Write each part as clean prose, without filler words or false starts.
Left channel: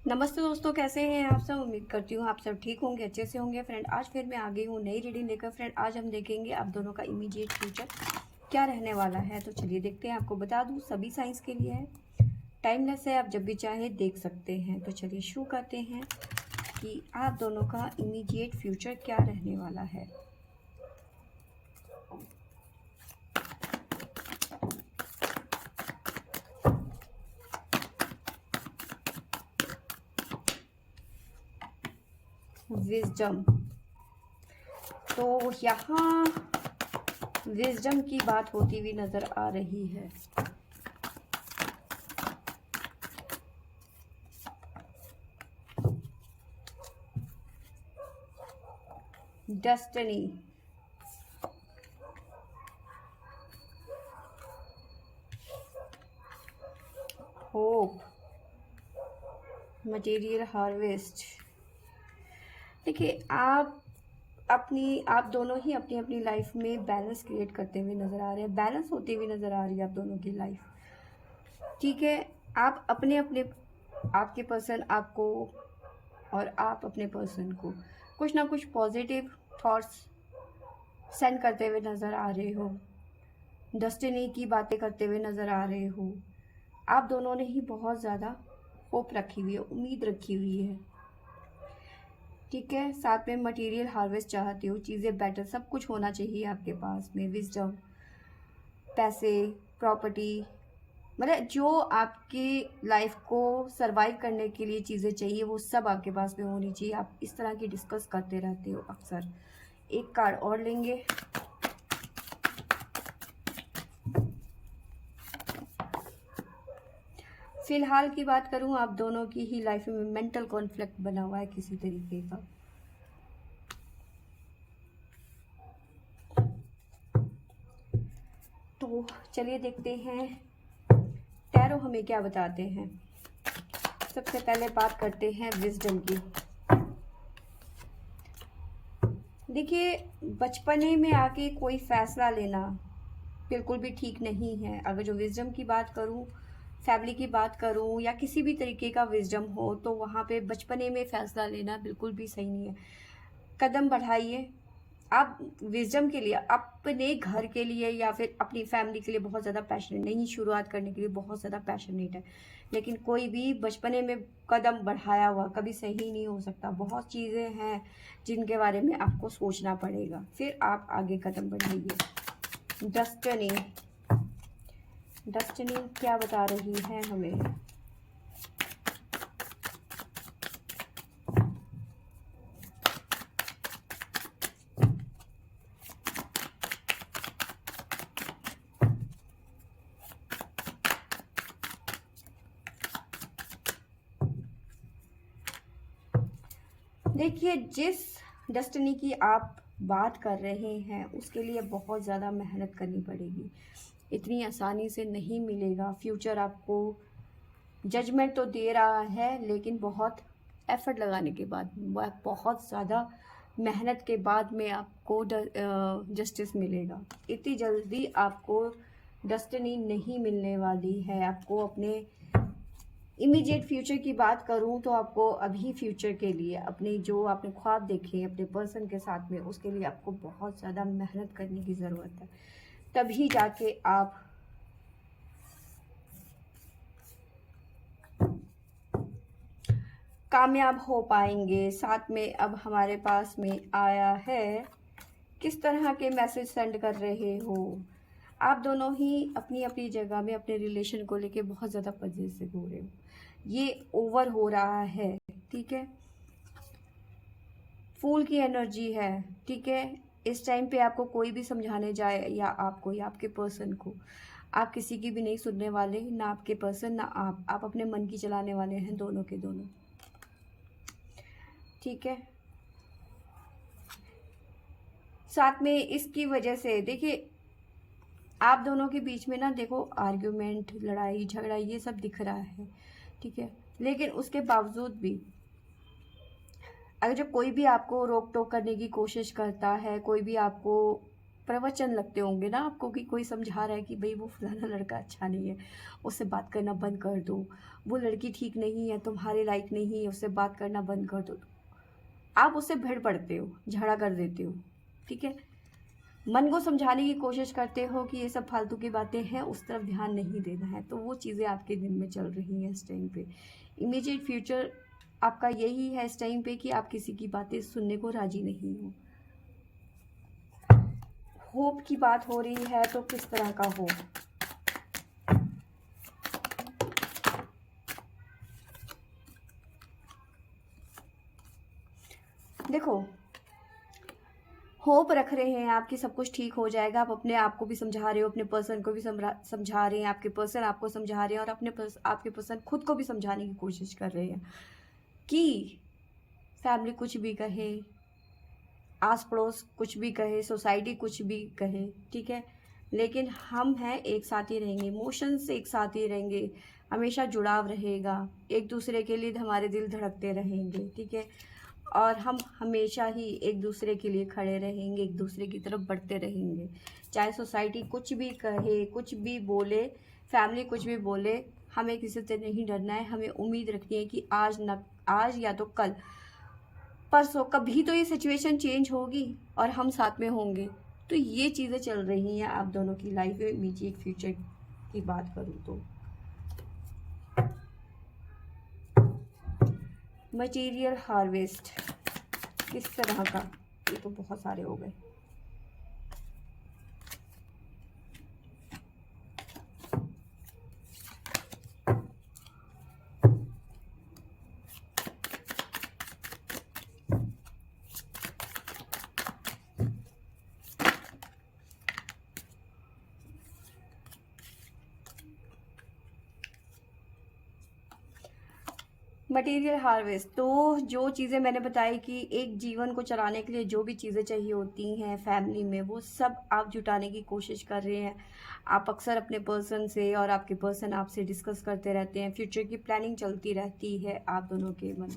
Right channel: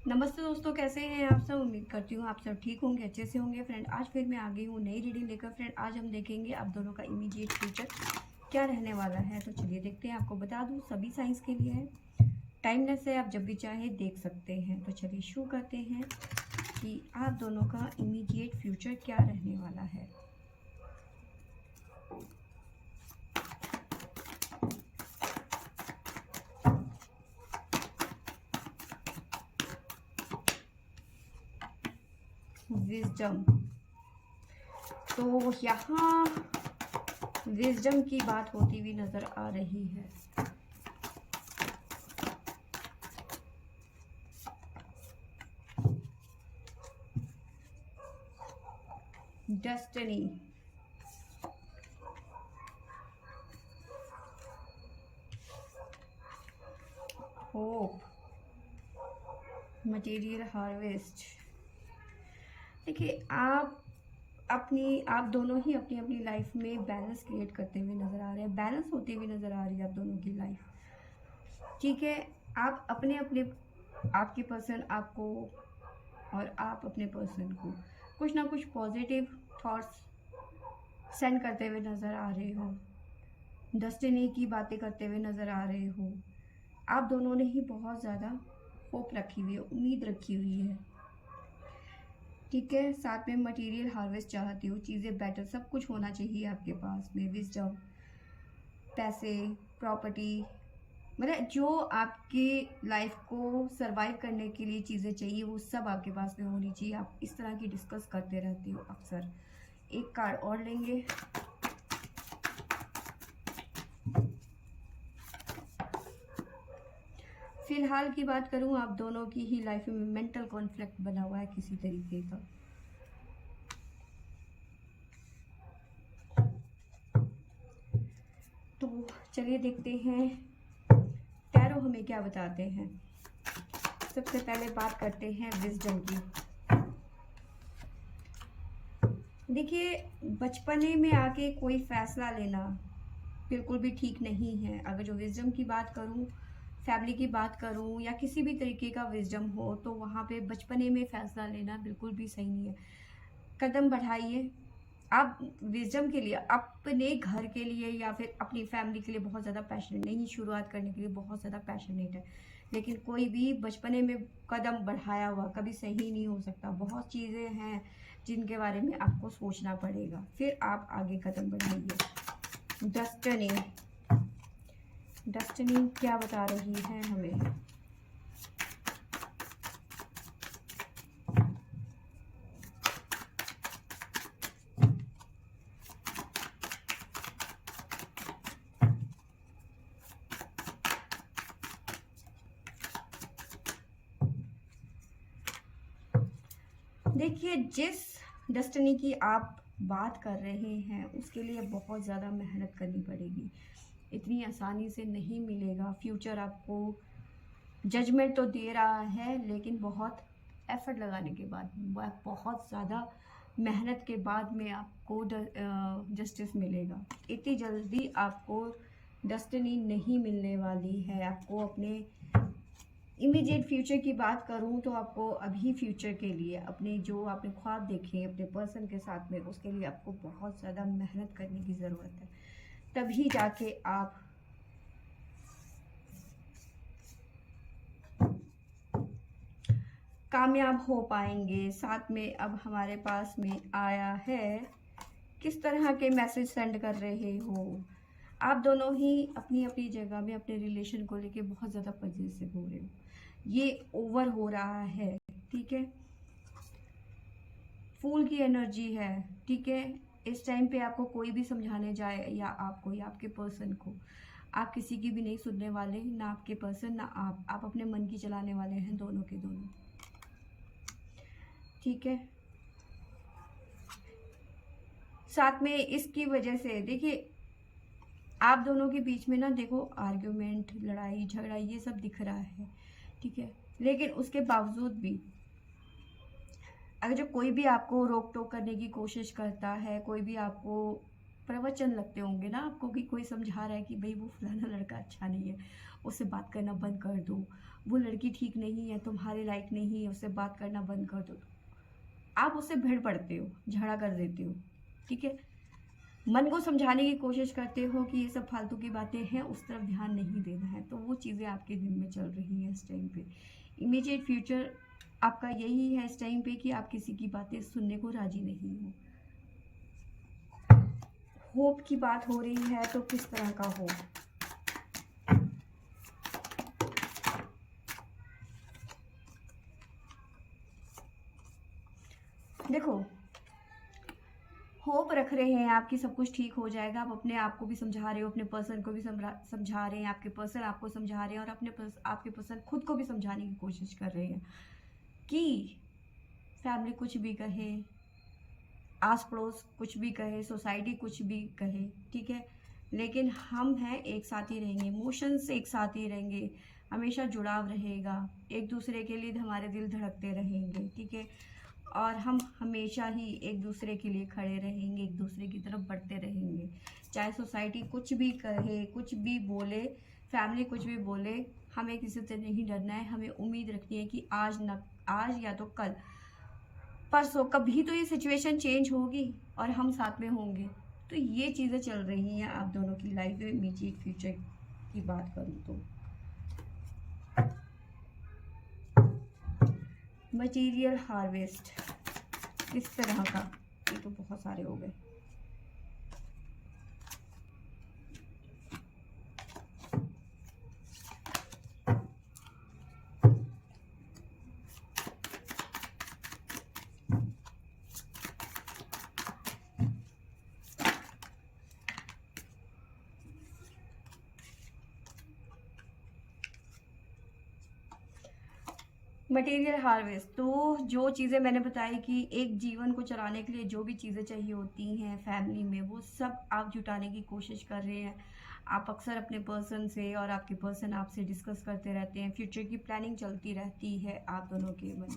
नमस्ते दोस्तों, कैसे हैं आप सब। उम्मीद करती हूँ आप सब ठीक होंगे, अच्छे से होंगे। फ्रेंड, आज फिर मैं आ गई हूँ नई रीडिंग लेकर। फ्रेंड, आज हम देखेंगे आप दोनों का इमीडिएट फ्यूचर क्या रहने वाला है। तो चलिए देखते हैं। आपको बता दूँ सभी साइंस के लिए है, टाइमलेस है, आप जब भी चाहें देख सकते हैं। तो चलिए शुरू करते हैं कि आप दोनों का इमीडिएट फ्यूचर क्या रहने वाला है। विजडम, तो यहाँ विजडम की बात होती हुई नजर आ रही है। Destiny, hope, material harvest. देखिए, आप दोनों ही अपनी अपनी लाइफ में बैलेंस क्रिएट करते हुए नज़र आ रहे हैं, बैलेंस होती हुई नज़र आ रही है आप दोनों की लाइफ। ठीक है, आप अपने अपने आपके पर्सन आपको और आप अपने पर्सन को कुछ ना कुछ पॉजिटिव थॉट्स सेंड करते हुए नज़र आ रहे हो, डेस्टिनी की बातें करते हुए नज़र आ रहे हो। आप दोनों ने ही बहुत ज़्यादा होप रखी हुई है, उम्मीद रखी हुई है। ठीक है, साथ में मटेरियल हार्वेस्ट चाहती हो, चीज़ें बेटर, सब कुछ होना चाहिए आपके पास में। विजडम, पैसे, प्रॉपर्टी, मतलब जो आपकी लाइफ को सरवाइव करने के लिए चीज़ें चाहिए वो सब आपके पास में होनी चाहिए। आप इस तरह की डिस्कस करते रहते हो अक्सर। एक कार्ड और लेंगे। फिलहाल की बात करूं, आप दोनों की ही लाइफ में मेंटल कॉन्फ्लिक्ट बना हुआ है किसी तरीके का। तो चलिए देखते हैं टैरो हमें क्या बताते हैं। सबसे पहले बात करते हैं विजडम की। देखिए, बचपने में आके कोई फैसला लेना बिल्कुल भी ठीक नहीं है। अगर जो विजडम की बात करूं, फैमिली की बात करूं या किसी भी तरीके का विजडम हो, तो वहाँ पे बचपने में फैसला लेना बिल्कुल भी सही नहीं है। कदम बढ़ाइए। आप विजडम के लिए, अपने घर के लिए या फिर अपनी फैमिली के लिए बहुत ज़्यादा पैशनेट नहीं, शुरुआत करने के लिए बहुत ज़्यादा पैशनेट है, लेकिन कोई भी बचपने में कदम बढ़ाया हुआ कभी सही नहीं हो सकता। बहुत चीज़ें हैं जिनके बारे में आपको सोचना पड़ेगा, फिर आप आगे कदम बढ़ाइए। डेस्टिनी, डेस्टिनी क्या बता रही है हमें। देखिए, जिस डेस्टिनी की आप बात कर रहे हैं उसके लिए बहुत ज़्यादा मेहनत करनी पड़ेगी। इतनी आसानी से नहीं मिलेगा फ्यूचर आपको। जजमेंट तो दे रहा है, लेकिन बहुत एफर्ट लगाने के बाद, बहुत ज़्यादा मेहनत के बाद में आपको जस्टिस मिलेगा। इतनी जल्दी आपको डेस्टिनी नहीं मिलने वाली है। आपको अपने इमीडिएट फ्यूचर की बात करूं तो आपको अभी फ्यूचर के लिए, अपने जो आपने ख्वाब देखे अपने पर्सन के साथ में, उसके लिए आपको बहुत ज़्यादा मेहनत करने की ज़रूरत है। तभी जाके आप कामयाब हो पाएंगे। साथ में अब हमारे पास में आया है, किस तरह के मैसेज सेंड कर रहे हो। आप दोनों ही अपनी अपनी जगह में अपने रिलेशन को लेके बहुत ज़्यादा पजेसिव हो रहे हो। ये ओवर हो रहा है, ठीक है। फूल की एनर्जी है, ठीक है। इस टाइम पे आपको कोई भी समझाने जाए या आपको या आपके पर्सन को, आप किसी की भी नहीं सुनने वाले, ना आपके पर्सन ना आप अपने मन की चलाने वाले हैं, दोनों के दोनों, ठीक है। साथ में इसकी वजह से देखिए, आप दोनों के बीच में ना देखो आर्ग्यूमेंट, लड़ाई झगड़ा ये सब दिख रहा है, ठीक है। लेकिन उसके बावजूद भी अगर जो कोई भी आपको रोक टोक करने की कोशिश करता है, कोई भी आपको प्रवचन लगते होंगे ना आपको कि कोई समझा रहा है कि भाई वो फलाना लड़का अच्छा नहीं है, उससे बात करना बंद कर दो, वो लड़की ठीक नहीं है, तुम्हारे लायक नहीं है, उससे बात करना बंद कर दो। आप उससे भिड़ पड़ते हो, झगड़ा कर देते हो, ठीक है। मन को समझाने की कोशिश करते हो कि ये सब फालतू की बातें हैं, उस तरफ ध्यान नहीं देना है। तो वो चीज़ें आपके दिन में चल रही हैं इस टाइम पे। इमीडिएट फ्यूचर आपका यही है इस टाइम पे कि आप किसी की बातें सुनने को राजी नहीं हो। होप की बात हो रही है तो किस तरह का होप? देखो, होप रख रहे हैं आप कि सब कुछ ठीक हो जाएगा। आप अपने आप को भी समझा रहे हो, अपने पर्सन को भी समझा रहे हैं, आपके पर्सन आपको समझा रहे हैं, और आपके पर्सन खुद को भी समझाने की कोशिश कर रहे हैं कि फैमिली कुछ भी कहे, आस पड़ोस कुछ भी कहे, सोसाइटी कुछ भी कहे, ठीक है, लेकिन हम हैं, एक साथ ही रहेंगे, इमोशंस एक साथ ही रहेंगे, हमेशा जुड़ाव रहेगा, एक दूसरे के लिए हमारे दिल धड़कते रहेंगे, ठीक है, और हम हमेशा ही एक दूसरे के लिए खड़े रहेंगे, एक दूसरे की तरफ बढ़ते रहेंगे। चाहे सोसाइटी कुछ भी कहे, कुछ भी बोले, फैमिली कुछ भी बोले, हमें किसी से नहीं डरना है। हमें उम्मीद रखनी है कि आज या तो कल, परसों कभी तो ये सिचुएशन चेंज होगी और हम साथ में होंगे। तो ये चीज़ें चल रही हैं आप दोनों की लाइफ में। इमीडिएट फ्यूचर की बात करूँ तो मटेरियल हार्वेस्ट किस तरह का, ये तो बहुत सारे हो गए। मटेरियल हार्वेस्ट, तो जो चीज़ें मैंने बताई कि एक जीवन को चलाने के लिए जो भी चीज़ें चाहिए होती हैं फैमिली में, वो सब आप जुटाने की कोशिश कर रहे हैं। आप अक्सर अपने पर्सन से और आपके पर्सन आपसे डिस्कस करते रहते हैं, फ्यूचर की प्लानिंग चलती रहती है आप दोनों के मन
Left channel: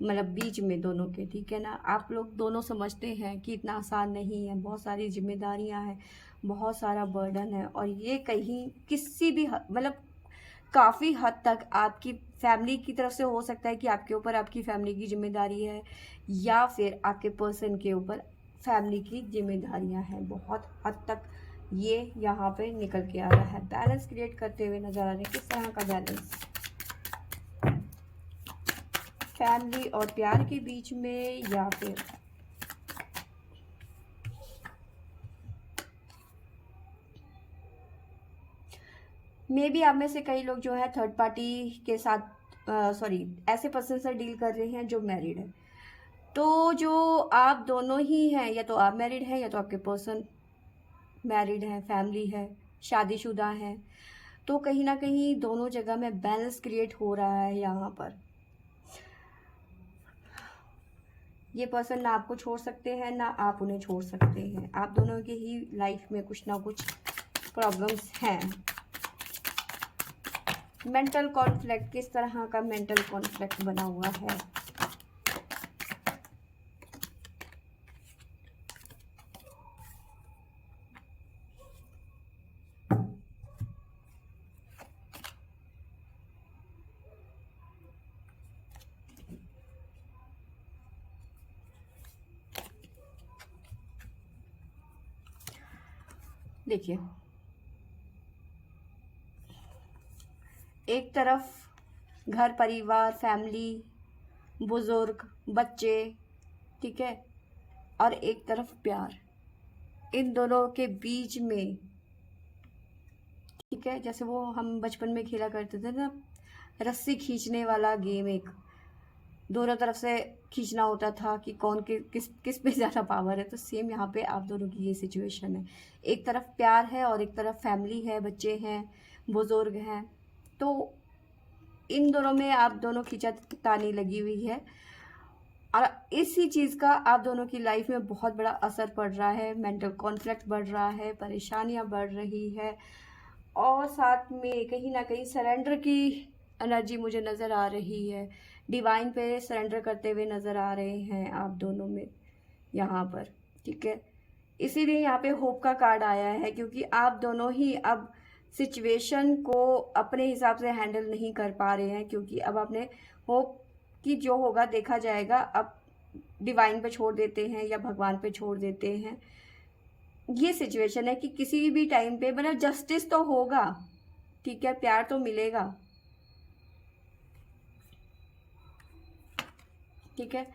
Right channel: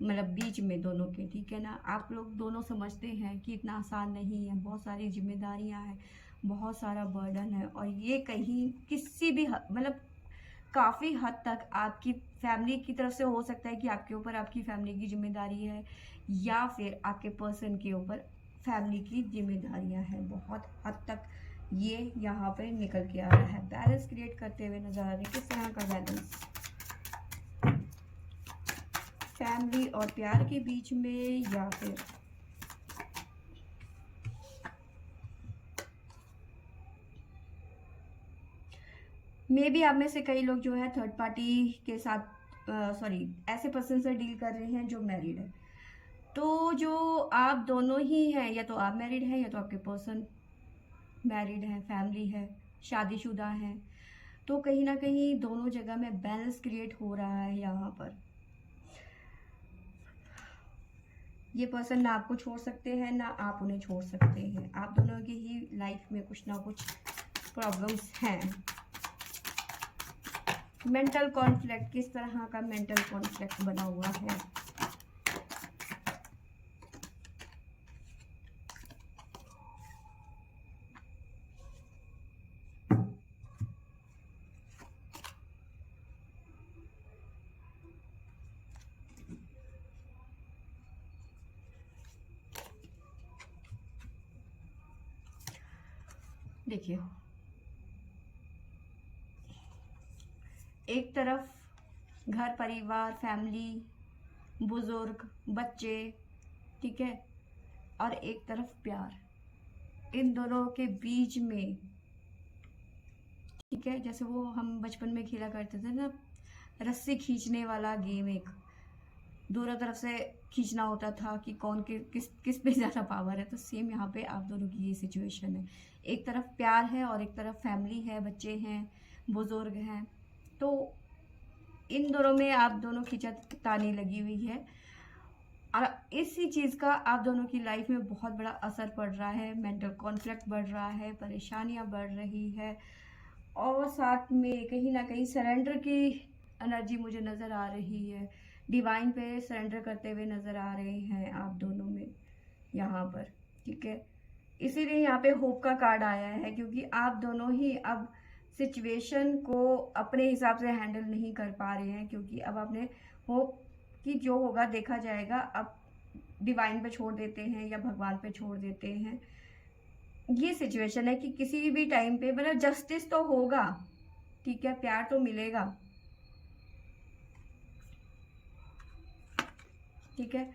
मतलब बीच में दोनों के, ठीक है ना। आप लोग दोनों समझते हैं कि इतना आसान नहीं है, बहुत सारी जिम्मेदारियां हैं, बहुत सारा बर्डन है, और ये कहीं किसी भी मतलब काफ़ी हद तक आपकी फैमिली की तरफ से हो सकता है कि आपके ऊपर आपकी फैमिली की जिम्मेदारी है, या फिर आपके पर्सन के ऊपर फैमिली की जिम्मेदारियां हैं। बहुत हद तक ये यहाँ पे निकल के आ रहा है। बैलेंस क्रिएट करते हुए नजर आ रहे हैं। किस तरह का बैलेंस फैमिली और प्यार के बीच में, या फिर मे बी आप में से कई लोग जो है थर्ड पार्टी के साथ सॉरी ऐसे पर्सन से डील कर रहे हैं जो मैरिड है। तो जो आप दोनों ही हैं, या तो आप मैरिड हैं या तो आपके पर्सन मैरिड है, फैमिली है, शादीशुदा है, तो कहीं ना कहीं दोनों जगह में बैलेंस क्रिएट हो रहा है यहाँ पर। ये पर्सन ना आपको छोड़ सकते हैं ना आप उन्हें छोड़ सकते हैं। आप दोनों की ही लाइफ में कुछ ना कुछ प्रॉब्लम्स हैं। मेंटल कॉन्फ्लिक्ट, किस तरह का मेंटल कॉन्फ्लिक्ट बना हुआ है? देखिए, एक तरफ घर परिवार फैमिली, बुजुर्ग, बच्चे, ठीक है, और एक तरफ प्यार। इन दोनों के बीच में, ठीक है, जैसे वो हम बचपन में खेला करते थे ना, रस्सी खींचने वाला गेम, एक दोनों तरफ से खींचना होता था कि कौन किस किस पे ज़्यादा पावर है। तो सेम यहाँ पे आप दोनों की ये सिचुएशन है। एक तरफ प्यार है और एक तरफ फैमिली है, बच्चे हैं, बुजुर्ग हैं। तो इन दोनों में आप दोनों खींचातानी लगी हुई है, और इसी चीज़ का आप दोनों की लाइफ में बहुत बड़ा असर पड़ रहा है। मेंटल कॉन्फ्लिक्ट बढ़ रहा है, परेशानियां बढ़ रही है, और साथ में कहीं ना कहीं सरेंडर की एनर्जी मुझे नज़र आ रही है। डिवाइन पे सरेंडर करते हुए नज़र आ रहे हैं आप दोनों में यहाँ पर, ठीक है। इसीलिए यहाँ पे होप का कार्ड आया है, क्योंकि आप दोनों ही अब सिचुएशन को अपने हिसाब से हैंडल नहीं कर पा रहे हैं, क्योंकि अब आपने होप कि जो होगा देखा जाएगा अब डिवाइन पे छोड़ देते हैं या भगवान पे छोड़ देते हैं। ये सिचुएशन है कि किसी भी टाइम पे मतलब जस्टिस तो होगा, ठीक है, प्यार तो मिलेगा, ठीक है,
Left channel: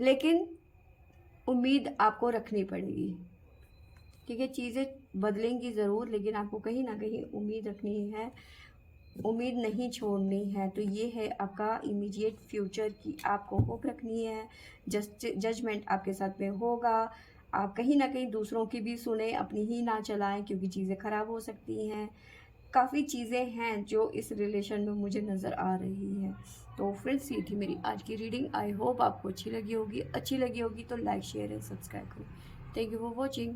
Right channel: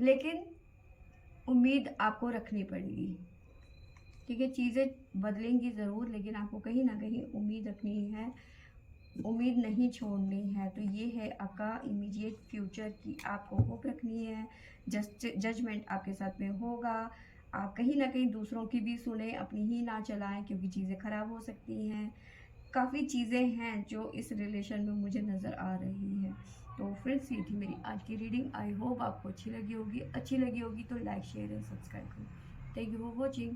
लेकिन उम्मीद आपको रखनी पड़ेगी, ठीक है। चीज़ें बदलेंगी ज़रूर, लेकिन आपको कहीं ना कहीं उम्मीद रखनी है, उम्मीद नहीं छोड़नी है। तो ये है आपका इमीडिएट फ्यूचर की आपको होप रखनी है। जजमेंट आपके साथ में होगा। आप कहीं ना कहीं दूसरों की भी सुने, अपनी ही ना चलाएं, क्योंकि चीज़ें ख़राब हो सकती हैं। काफ़ी चीज़ें हैं जो इस रिलेशन में मुझे नज़र आ रही हैं। तो फ्रेंड्स, ये थी मेरी आज की रीडिंग। आई होप आपको अच्छी लगी होगी। अच्छी लगी होगी तो लाइक शेयर एंड सब्सक्राइब करो। Thank you for watching.